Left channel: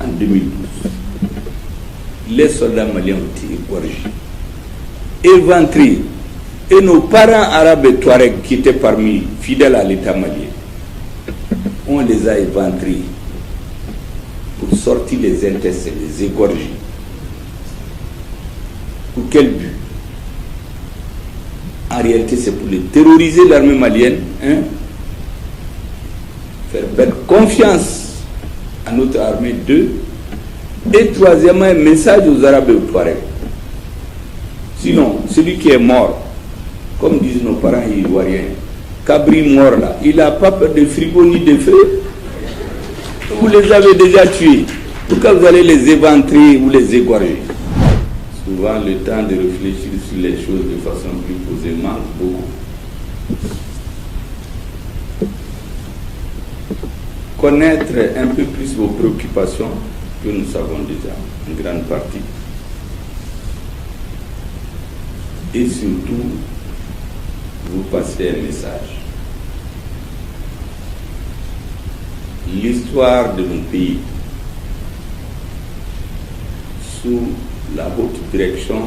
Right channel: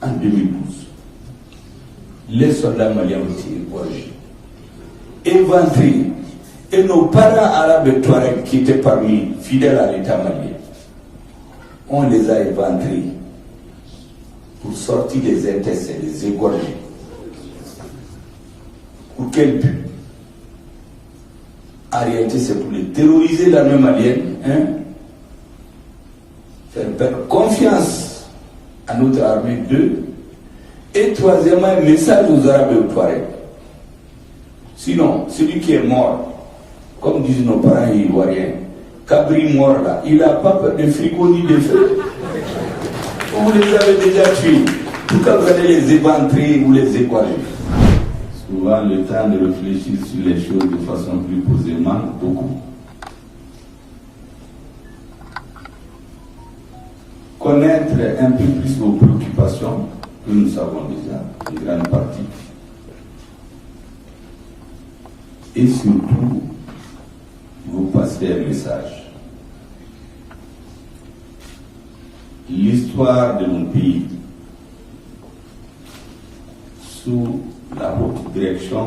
en 2012. Les soldats maliens ont été égorgés, éventrés. Et nos parents arabes et touaregs qui étaient parmi fidèles à l'État malien, on les a éventrés pour sortir les intestins, les égorger. Pour quel but? En réalité, c'est pour les terroriser, l'armée malienne, faire perdre confiance à notre armée, 2. Et troisièmement, un message aux Arabes et aux Touaregs. Sinon, celui qui est mort, comme disent nos parents ivoiriens, Cabri mort là, il n'a pas peur de frigo ni de feu. Vous les avez déjà tués. Pourquoi vous allez les éventrer ou les égorger? Souvent, le temps de réfléchir sur les choses de façon plus posée manque beaucoup. Connaître un peu plus vos préoccupations, que nous savons déjà, une grande partie. Et surtout, vous passer un message. L'histoire de mon pays, sous la haute direction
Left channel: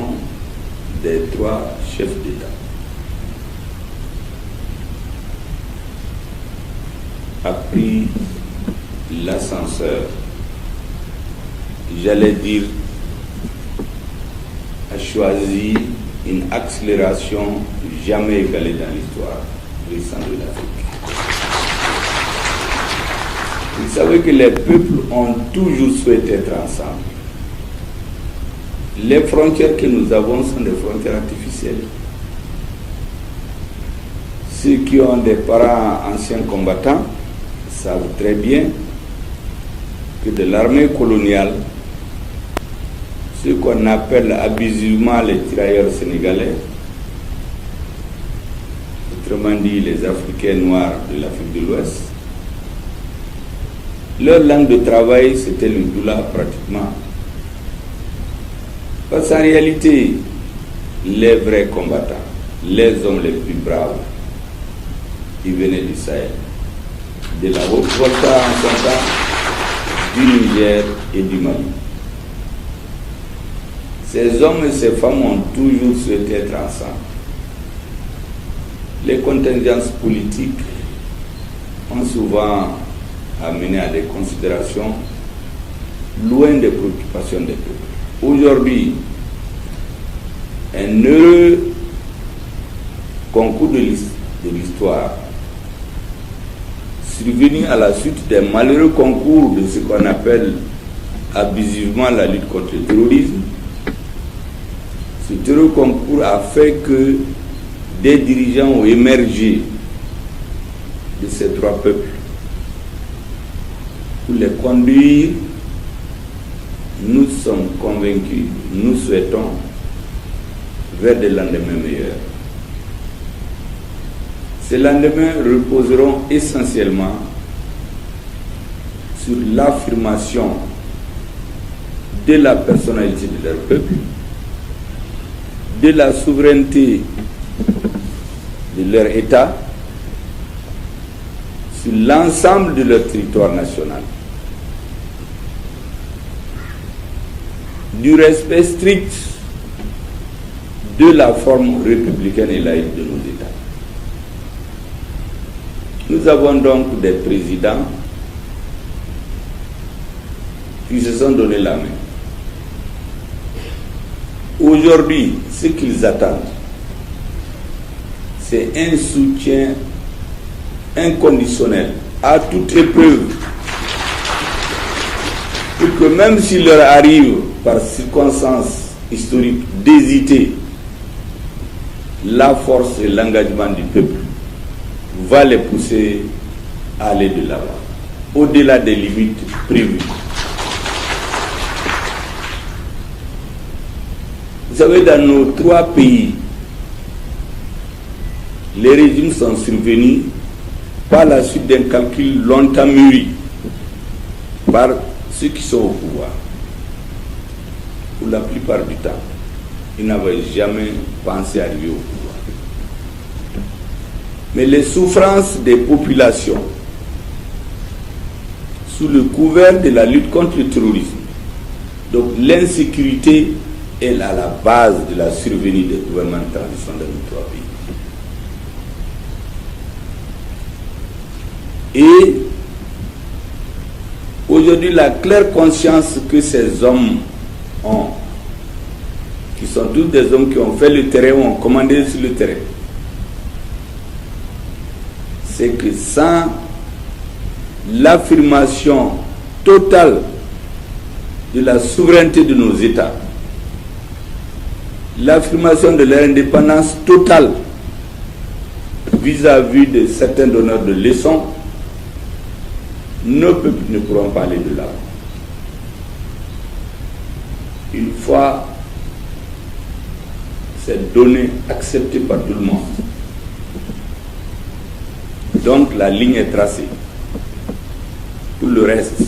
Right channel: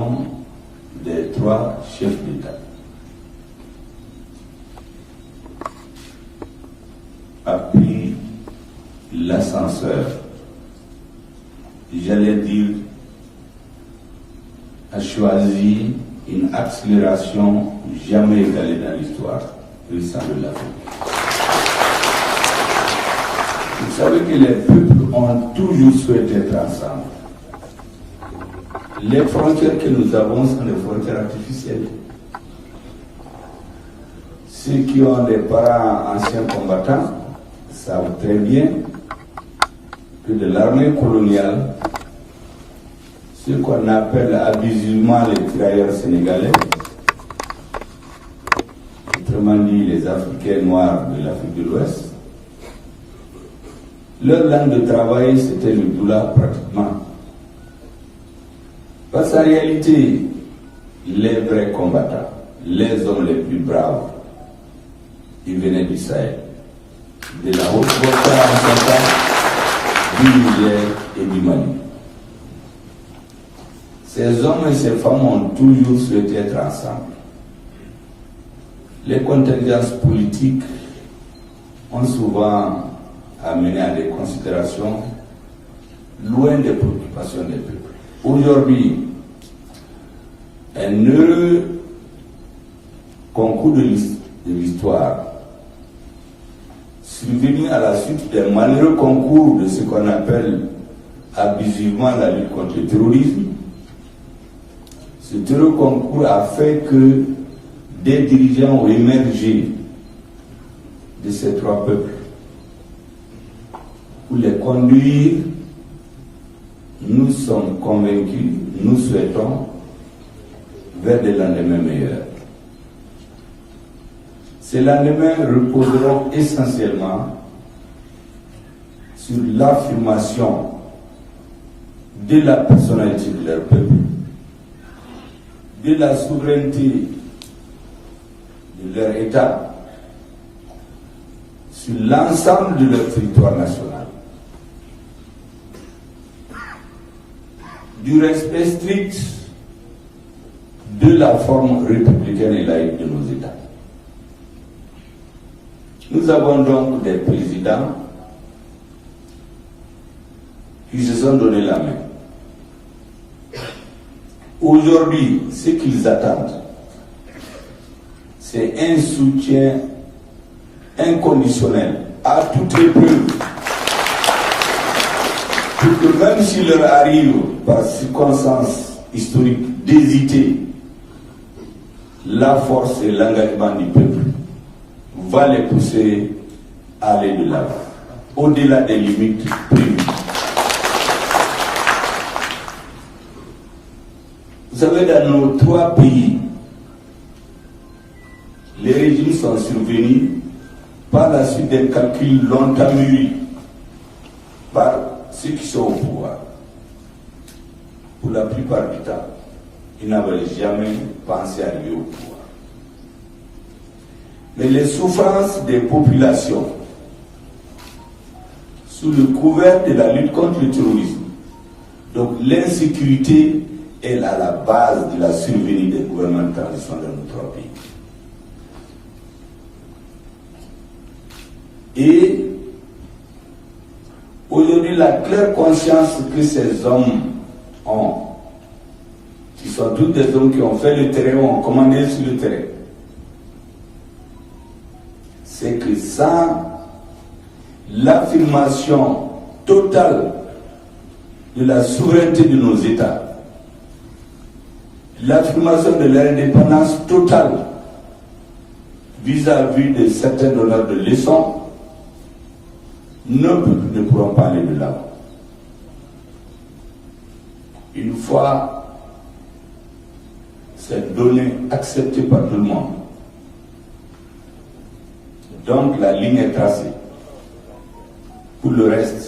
des 3 chefs d'État, a pris l'ascenseur, j'allais dire, a choisi une accélération jamais égalée dans l'histoire récente de l'Afrique. Vous savez que les peuples ont toujours souhaité être ensemble. Les frontières que nous avons sont des frontières artificielles. Ceux qui ont des parents anciens combattants savent très bien que de l'armée coloniale, ce qu'on appelle abusivement les tirailleurs sénégalais, autrement dit les Africains noirs de l'Afrique de l'Ouest, leur langue de travail c'était le doula pratiquement. Parce qu'en réalité, les vrais combattants, les hommes les plus braves, ils venaient du Sahel, de la Haute-Volta en son temps, du Niger et du Mali. Ces hommes et ces femmes ont toujours souhaité être ensemble. Les contingences politiques ont souvent amené à des considérations loin des préoccupations des peuples. Aujourd'hui, un heureux concours de l'histoire, survenu à la suite des malheureux concours de ce qu'on appelle abusivement la lutte contre le terrorisme, ce heureux concours a fait que des dirigeants ont émergé de ces 3 peuples pour les conduire. Nous sommes convaincus, nous souhaitons vers des lendemains meilleurs. Ces lendemains reposeront essentiellement sur l'affirmation de la personnalité de leur peuple, de la souveraineté de leur État sur l'ensemble de leur territoire national, du respect strict de la forme républicaine et laïque de nos États. Nous avons donc des présidents qui se sont donné la main. Aujourd'hui, ce qu'ils attendent, c'est un soutien inconditionnel à toute épreuve, pour que même s'il leur arrive par circonstances historiques d'hésiter, la force et l'engagement du peuple va les pousser à aller de l'avant, au-delà des limites prévues. Vous savez, dans nos 3 pays, les régimes sont survenus par la suite d'un calcul longtemps mûri par ceux qui sont au pouvoir. Pour la plupart du temps, ils n'avaient jamais pensé arriver au pouvoir. Mais les souffrances des populations sous le couvert de la lutte contre le terrorisme. Donc l'insécurité est à la base de la survenue des gouvernements de transition dans nos trois pays. Et aujourd'hui, la claire conscience que ces hommes ont, qui sont tous des hommes qui ont fait le terrain, ont commandé sur le terrain, c'est que sans l'affirmation totale de la souveraineté de nos États, l'affirmation de leur indépendance totale vis-à-vis de certains donneurs de leçons, nos peuples ne pourront pas aller de là. Une fois ces données acceptées par tout le monde, donc la ligne est tracée. Tout le reste,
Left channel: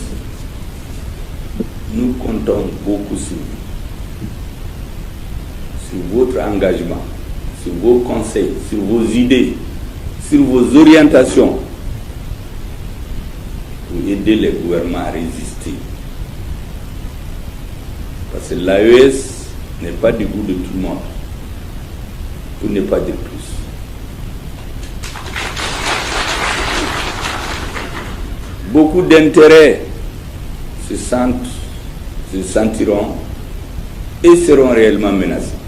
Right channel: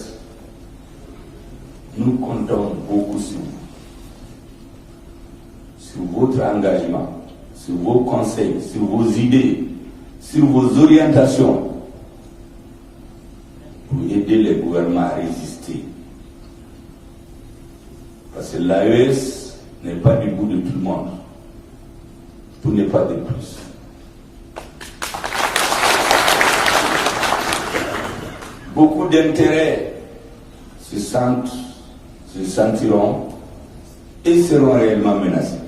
nous comptons beaucoup sur votre engagement, sur vos conseils, sur vos idées, sur vos orientations pour aider les gouvernements à résister. Parce que l'AES n'est pas du goût de tout le monde. Tout n'est pas de tous. Beaucoup d'intérêts se sentiront et seront réellement menacés.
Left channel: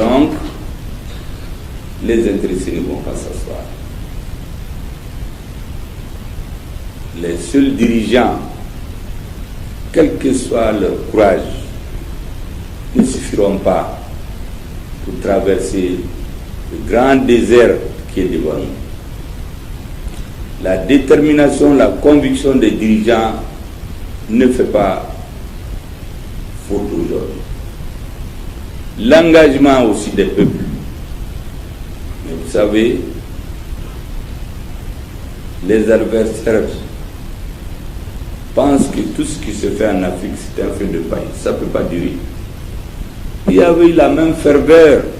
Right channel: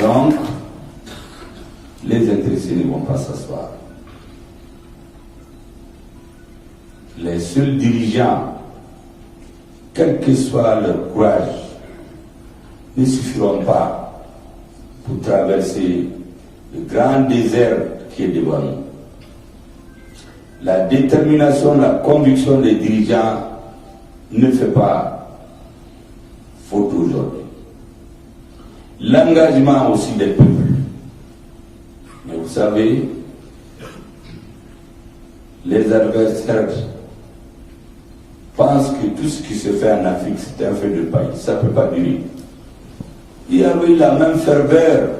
Donc, les intéressés ne vont pas s'asseoir. Les seuls dirigeants, quel que soit leur courage, ne suffiront pas pour traverser le grand désert qui est devant nous. La détermination, la conviction des dirigeants ne fait pas faute aujourd'hui. L'engagement aussi des peuples. Mais vous savez, les adversaires pensent que tout ce qui se fait en Afrique, c'est un feu de paille. Ça ne peut pas durer. Il y avait eu la même ferveur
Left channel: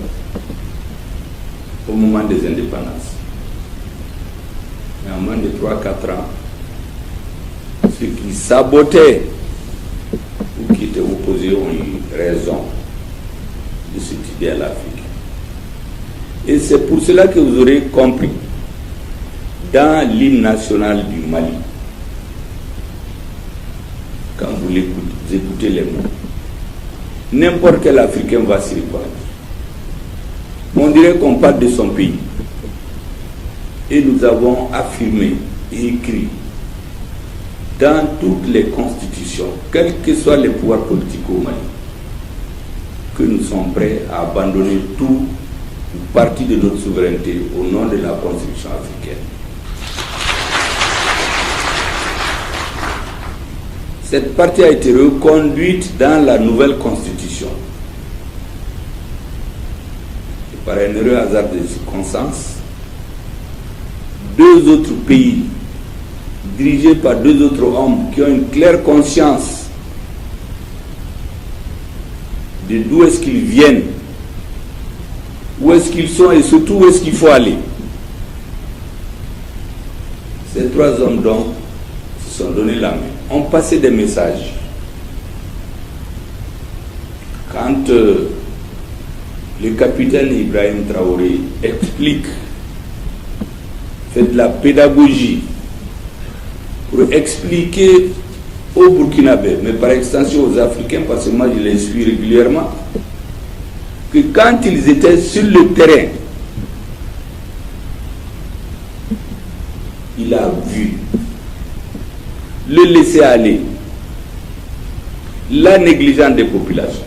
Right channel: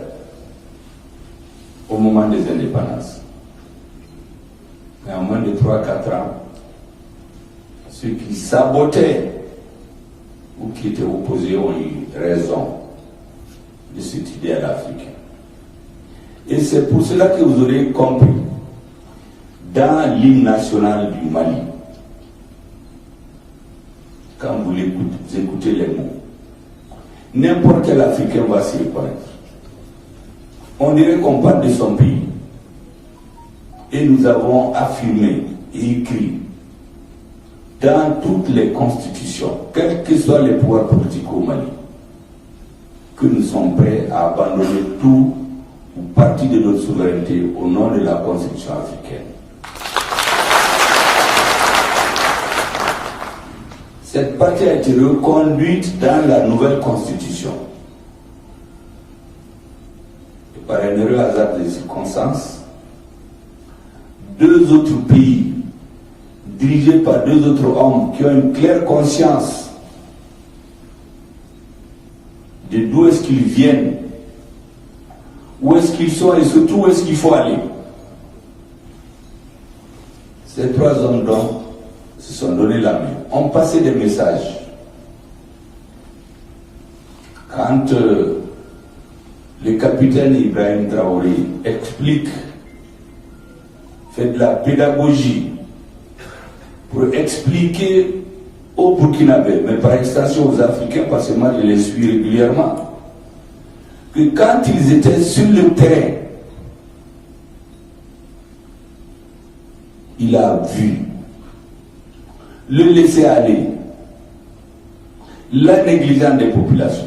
au moment des indépendances. Mais en moins de 3-4 ans, ceux qui sabotaient ou qui étaient opposés ont eu raison de cette idée à l'Afrique. Et c'est pour cela que vous aurez compris, dans l'hymne national du Mali, quand vous écoutez les mots, n'importe quel Africain va s'y reconnaître. On dirait qu'on parle de son pays. Et nous avons affirmé et écrit dans toutes les constitutions, quels que soient les pouvoirs politiques au Mali, que nous sommes prêts à abandonner tout ou partie de notre souveraineté au nom de la Constitution africaine. Cette partie a été reconduite dans la nouvelle Constitution. Et par un heureux hasard des circonstances, deux autres pays, dirigés par deux autres hommes qui ont une claire conscience de d'où est-ce qu'ils viennent, où est-ce qu'ils sont et surtout où est-ce qu'il faut aller. Ces trois hommes donc se sont donné la main, ont passé des messages. Quand le capitaine Ibrahim Traoré explique, fait de la pédagogie pour expliquer aux Burkinabés, mais par extension aux Africains, parce que moi je les suis régulièrement, que quand ils étaient sur le terrain, il a vu le laisser aller, la négligence des populations.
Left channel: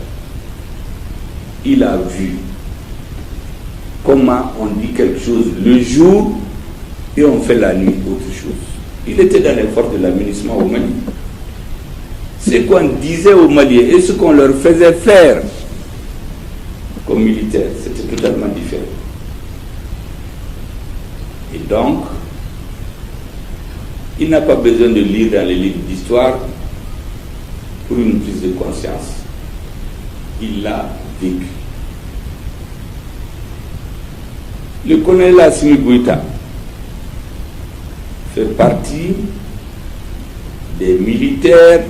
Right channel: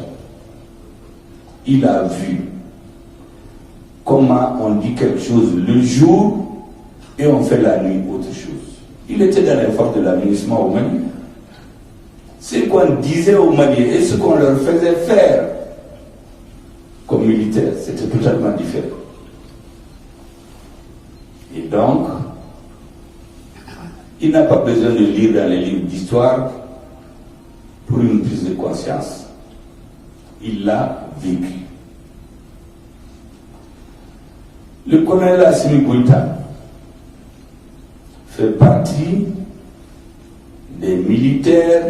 Il a vu comment on dit quelque chose le jour et on fait la nuit autre chose. Il était dans l'effort de l'aménagement au Mali. Ce qu'on disait aux Maliens et ce qu'on leur faisait faire comme militaires, c'était totalement différent. Et donc, il n'a pas besoin de lire dans les livres d'histoire pour une prise de conscience. Il l'a vécu. Le colonel Assimi Goïta, fait partie des militaires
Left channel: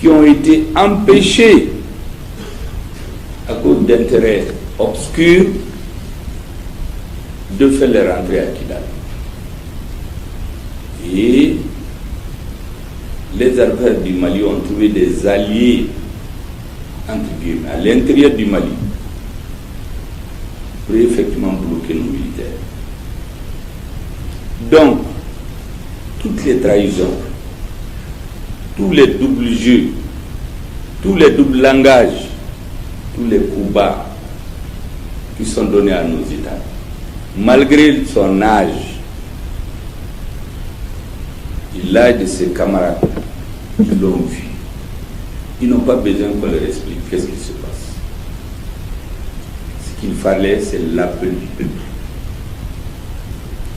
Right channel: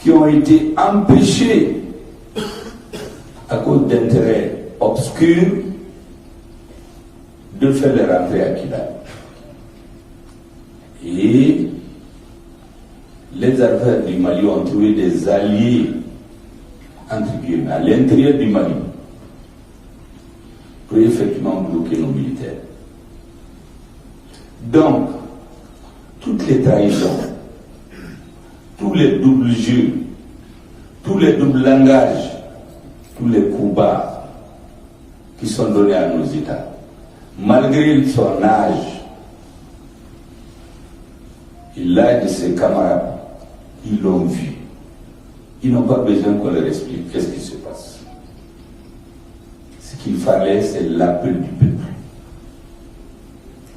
qui ont été empêchés à cause d'intérêts obscurs de faire leur entrée à Kidal. Et les affaires du Mali ont trouvé des alliés entre guillemets à l'intérieur du Mali pour effectivement bloquer nos militaires. Donc, toutes les trahisons, tous les doubles jeux, tous les doubles langages, tous les coups bas qui sont donnés à nos États, malgré son âge, et l'âge de ses camarades, ils l'ont vu. Ils n'ont pas besoin qu'on leur explique qu'est-ce qui se passe. Ce qu'il fallait, c'est l'appel du peuple.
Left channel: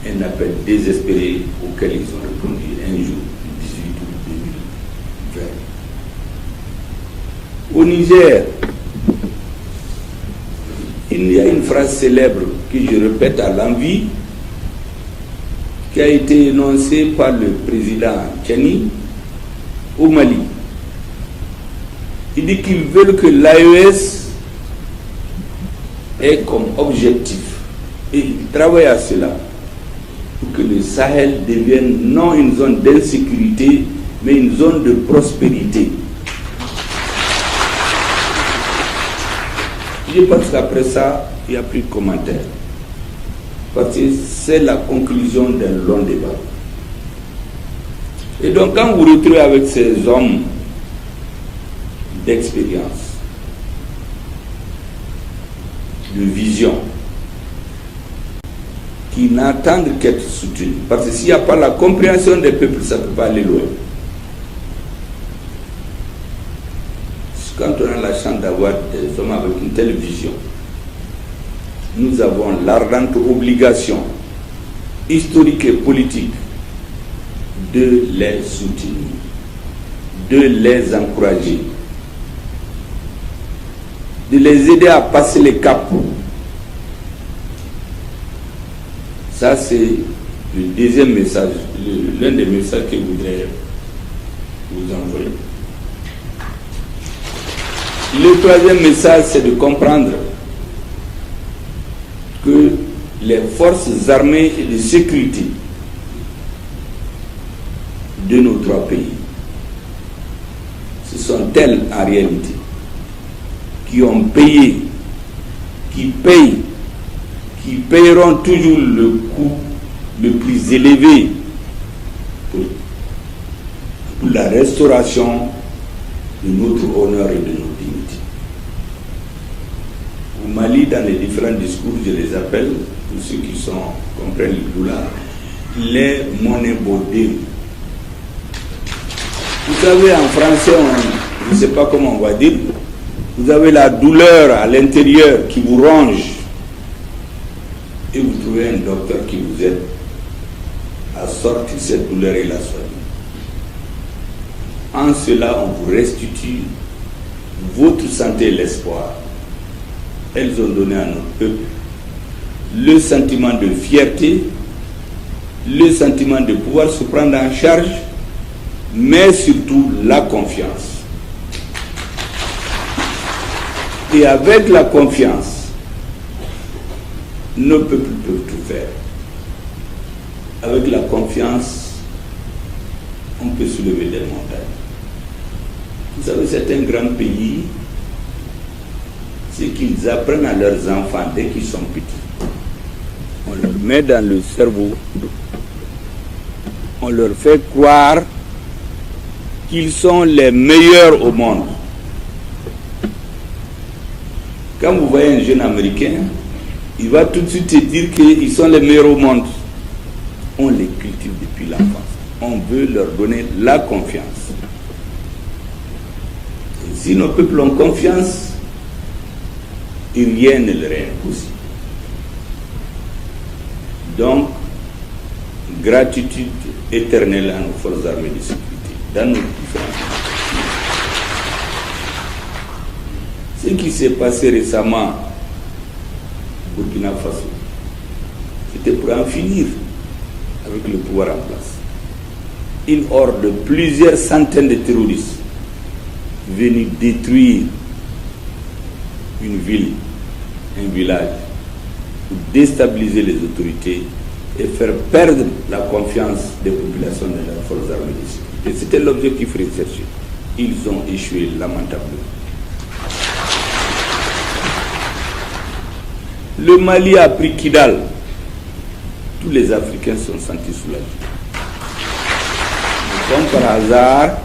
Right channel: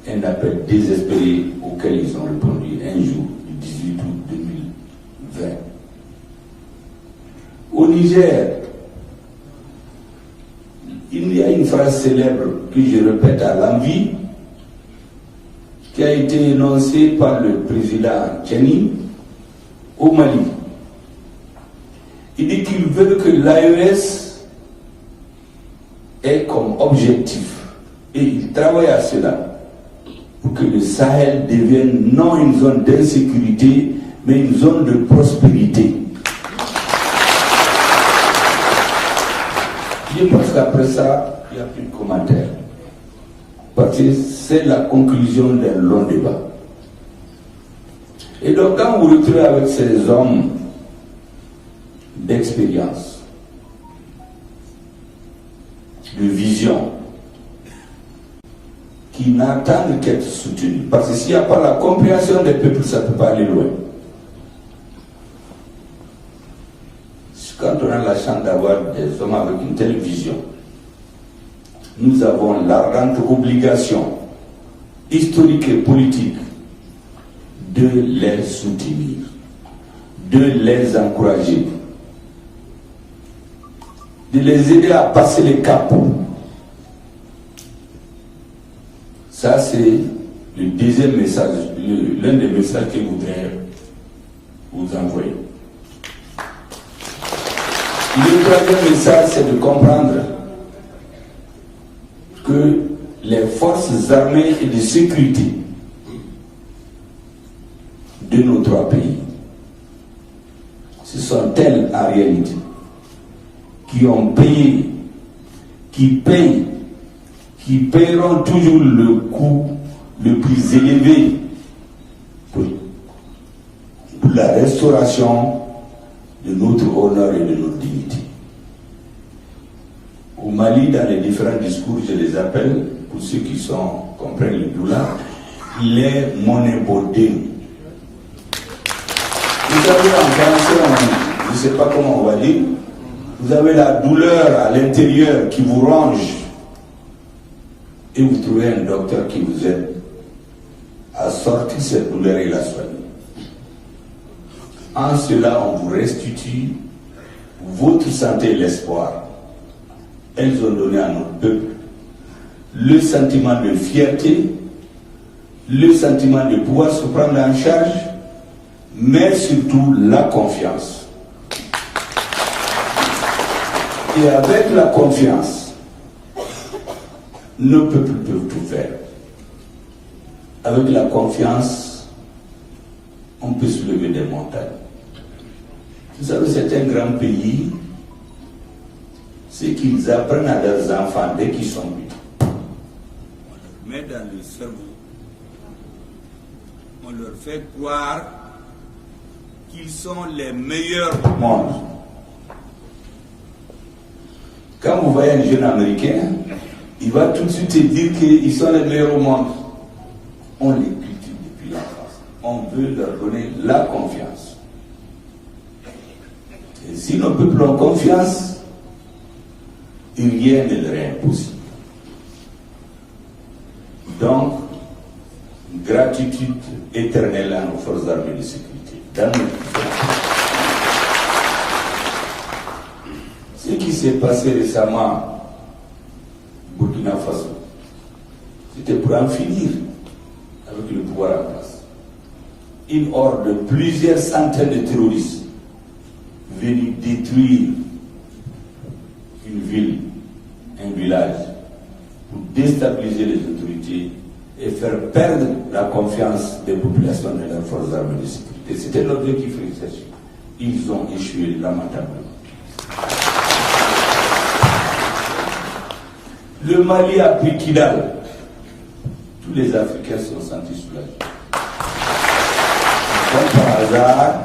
Un appel désespéré auquel ils ont répondu un jour, le 18 août 2020. Au Niger, il y a une phrase célèbre que je répète à l'envi, qui a été énoncée par le président Tchani au Mali. Il dit qu'ils veulent que l'AES ait comme objectif, et ils travaillent à cela, pour que le Sahel devienne non une zone d'insécurité, mais une zone de prospérité. Je pense qu'après ça, il n'y a plus de commentaires. Parce que c'est la conclusion d'un long débat. Et donc quand vous vous retrouvez avec ces hommes d'expérience, de vision, qui n'attendent qu'être soutenus, parce que s'il n'y a pas la compréhension des peuples, ça ne peut pas aller loin. Quand on a la chance d'avoir des hommes avec une telle vision, nous avons l'ardente obligation historique et politique de les soutenir, de les encourager, de les aider à passer les caps. Ça, c'est le deuxième message, l'un des messages que je voudrais vous envoyer. Le troisième message, c'est de comprendre que les forces armées et de sécurité de nos trois pays, ce sont elles en réalité qui ont payé, qui payent, qui paieront toujours le coût le plus élevé pour la restauration de notre honneur et de notre dignité. Au Mali, dans les différents discours, je les appelle, pour ceux qui comprennent le douleur, les monnaies bodées. Vous avez en français, je ne sais pas comment on va dire, vous avez la douleur à l'intérieur qui vous ronge, et vous trouvez un docteur qui vous aide à sortir cette douleur et la soigner. En cela, on vous restitue votre santé et l'espoir. Elles ont donné à notre peuple le sentiment de fierté, le sentiment de pouvoir se prendre en charge, mais surtout la confiance. Et avec la confiance, nos peuples peuvent tout faire. Avec la confiance, on peut soulever des montagnes. Vous savez, c'est un grand pays. C'est qu'ils apprennent à leurs enfants dès qu'ils sont petits. On leur met dans le cerveau, on leur fait croire qu'ils sont les meilleurs au monde. Quand vous voyez un jeune Américain, il va tout de suite te dire qu'ils sont les meilleurs au monde. On les cultive depuis l'enfance. On veut leur donner la confiance. Et si nos peuples ont confiance, rien ne leur est impossible. Donc, gratitude éternelle à nos forces armées de sécurité, dans nos différents. Ce qui s'est passé récemment au Burkina Faso, c'était pour en finir avec que le pouvoir en place. Une horde de plusieurs centaines de terroristes venus détruire une ville, un village, pour déstabiliser les autorités et faire perdre la confiance des populations dans leurs forces armées. Et c'était l'objectif recherché. Ils ont échoué lamentablement. Le Mali a pris Kidal. Tous les Africains sont sentis soulagés. Comme par hasard,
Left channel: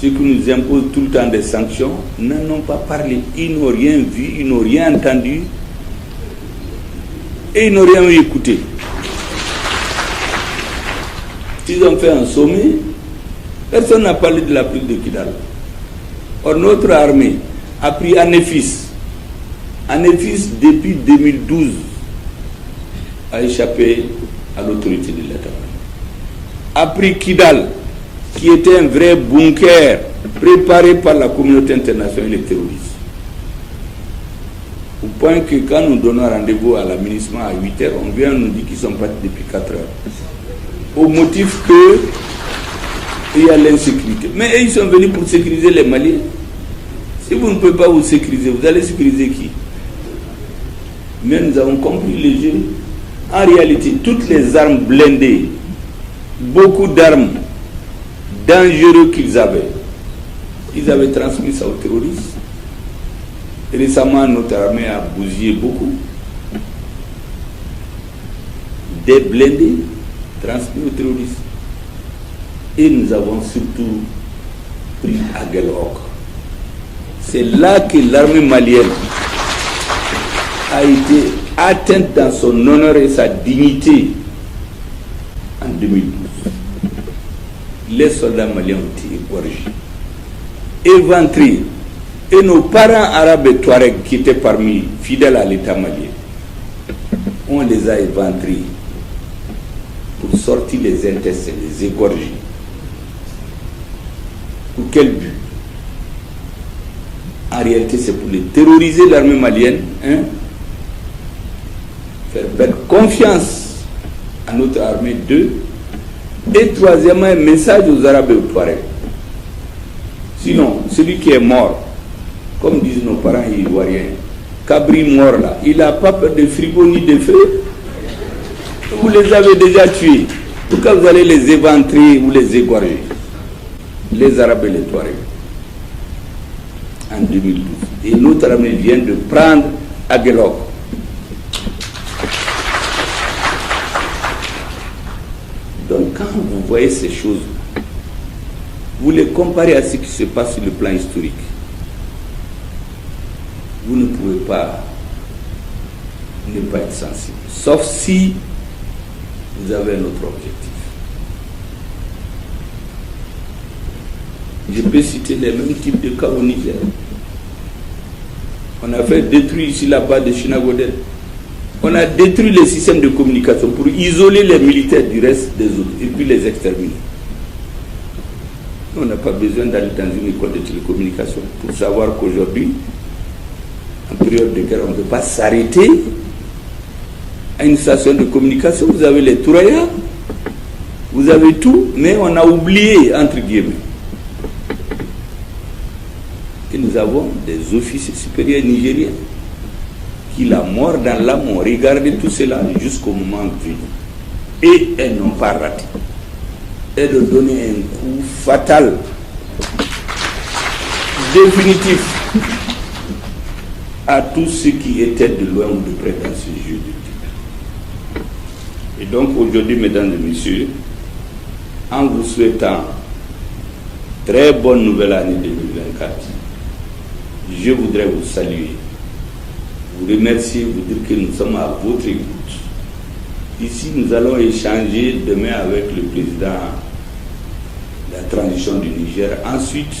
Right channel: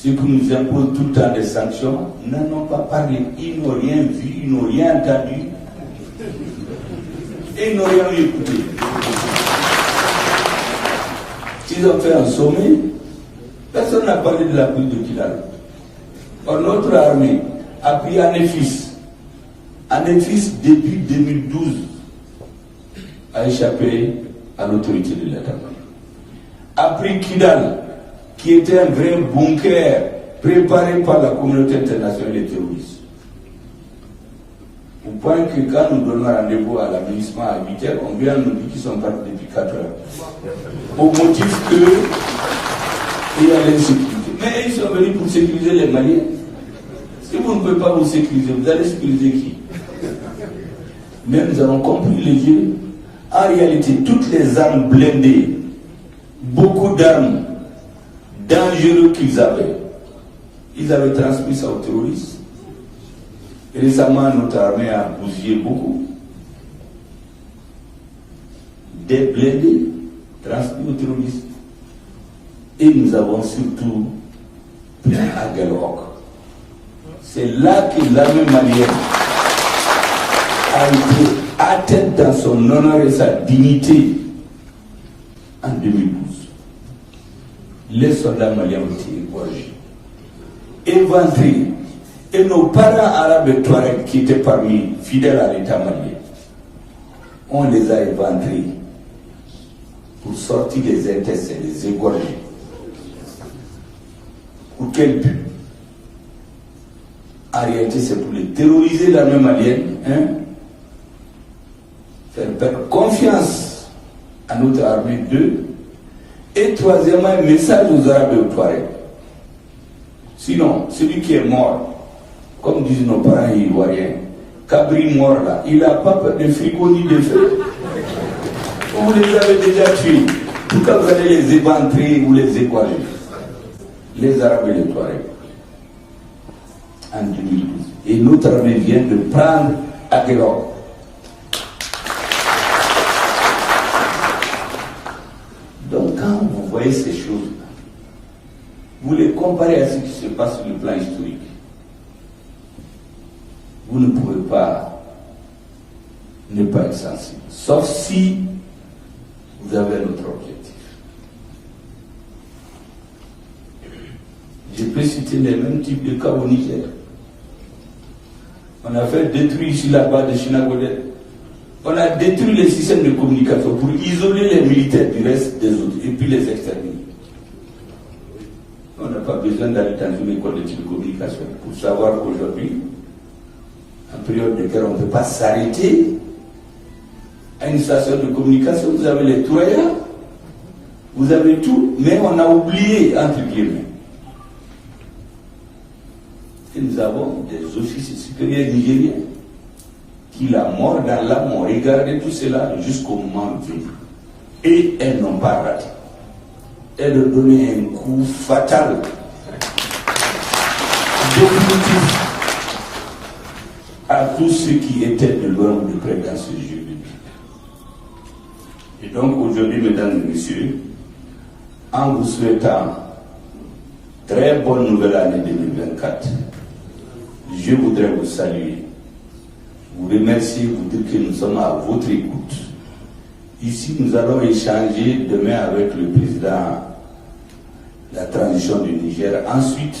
ceux qui nous imposent tout le temps des sanctions n'en ont pas parlé. Ils n'ont rien vu, ils n'ont rien entendu et ils n'ont rien écouté. Ils ont fait un sommet, personne n'a parlé de la prise de Kidal. Or, notre armée a pris Anéfis. Anéfis, depuis 2012, a échappé à l'autorité de l'État. A pris Kidal, qui était un vrai bunker préparé par la communauté internationale et les terroristes. Au point que quand nous donnons rendez-vous à l'aménagement à 8h, on vient nous dire qu'ils sont partis depuis 4 heures. Au motif qu'il y a l'insécurité. Mais ils sont venus pour sécuriser les Maliens. Si vous ne pouvez pas vous sécuriser, vous allez sécuriser qui? Mais nous avons compris le jeu. En réalité, toutes les armes blindées, beaucoup d'armes dangereuses qu'ils avaient, ils avaient transmis ça aux terroristes. Et récemment, notre armée a bousillé beaucoup. Des blindés transmis aux terroristes. Et nous avons surtout pris Aguelhok. C'est là que l'armée malienne a été atteinte dans son honneur et sa dignité en 2012. Les soldats maliens ont été égorgés, éventrés, et nos parents arabes et touaregs qui étaient parmi fidèles à l'État malien, on les a éventrés pour sortir les intestins, les égorger. Pour quel but? En réalité, c'est pour les terroriser, l'armée malienne, faire perdre confiance à notre armée, 2. Et troisièmement, un message aux Arabes et aux Touaregs. Sinon, celui qui est mort, comme disent nos parents ivoiriens, Cabri mort là, il n'a pas peur de frigo ni de feu. Vous les avez déjà tués. Pourquoi vous allez les éventrer ou les égorger? Les Arabes et les Touaregs. En 2012. Et notre armée vient de prendre Aguelhok. Donc quand vous voyez ces choses, vous les comparez à ce qui se passe sur le plan historique, vous ne pouvez pas ne pas être sensible. Sauf si vous avez un autre objectif. Je peux citer les mêmes types de cas au Niger. On a fait détruire ici là-bas de Chinagodet. On a détruit les systèmes de communication pour isoler les militaires du reste des autres et puis les exterminer. On n'a pas besoin d'aller dans une école de télécommunication pour savoir qu'aujourd'hui, en période de guerre, on ne peut pas s'arrêter à une station de communication. Vous avez les Touraya, vous avez tout, mais on a oublié, entre guillemets. Et nous avons des officiers supérieurs nigériens qui, la mort dans l'âme, ont regardé tout cela jusqu'au moment venu. Et elles n'ont pas raté. Elles ont donné un coup fatal, définitif, à tous ceux qui étaient de loin ou de près dans ce jeu. Et donc aujourd'hui, mesdames et messieurs, en vous souhaitant très bonne nouvelle année 2024, je voudrais vous saluer, vous remercier, vous dire que nous sommes à votre écoute. Ici, nous allons échanger demain avec le président de la transition du Niger. Ensuite,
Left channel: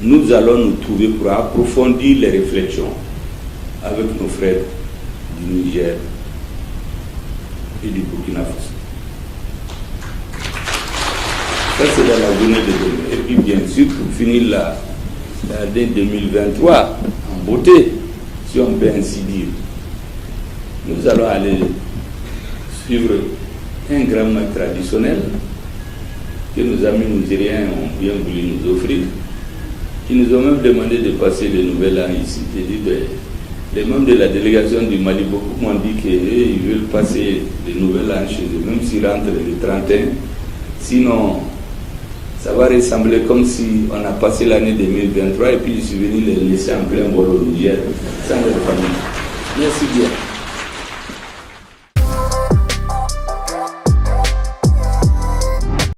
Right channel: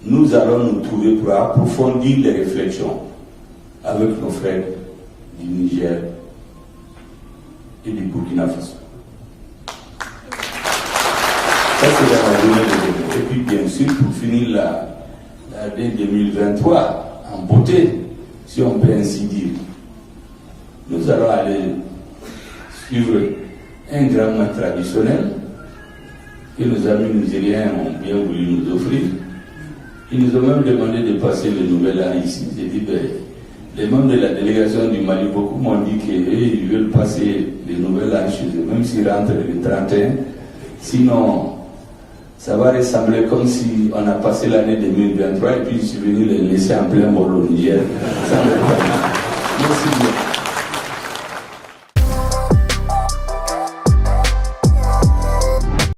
nous allons nous trouver pour approfondir les réflexions avec nos frères du Niger et du Burkina Faso. Ça, c'est dans la journée de demain. Et puis, bien sûr, pour finir l'année 2023 en beauté, si on peut ainsi dire, nous allons aller suivre un grand mets traditionnel que nos amis nigériens ont bien voulu nous offrir. Ils nous ont même demandé de passer le nouvel an ici. J'ai dit, ben, les membres de la délégation du Mali, beaucoup m'ont dit qu'ils veulent passer le nouvel an chez eux, même s'ils rentrent le 31. Sinon, ça va ressembler comme si on a passé l'année 2023 et puis je suis venu les laisser en plein vol au Niger. Ça ne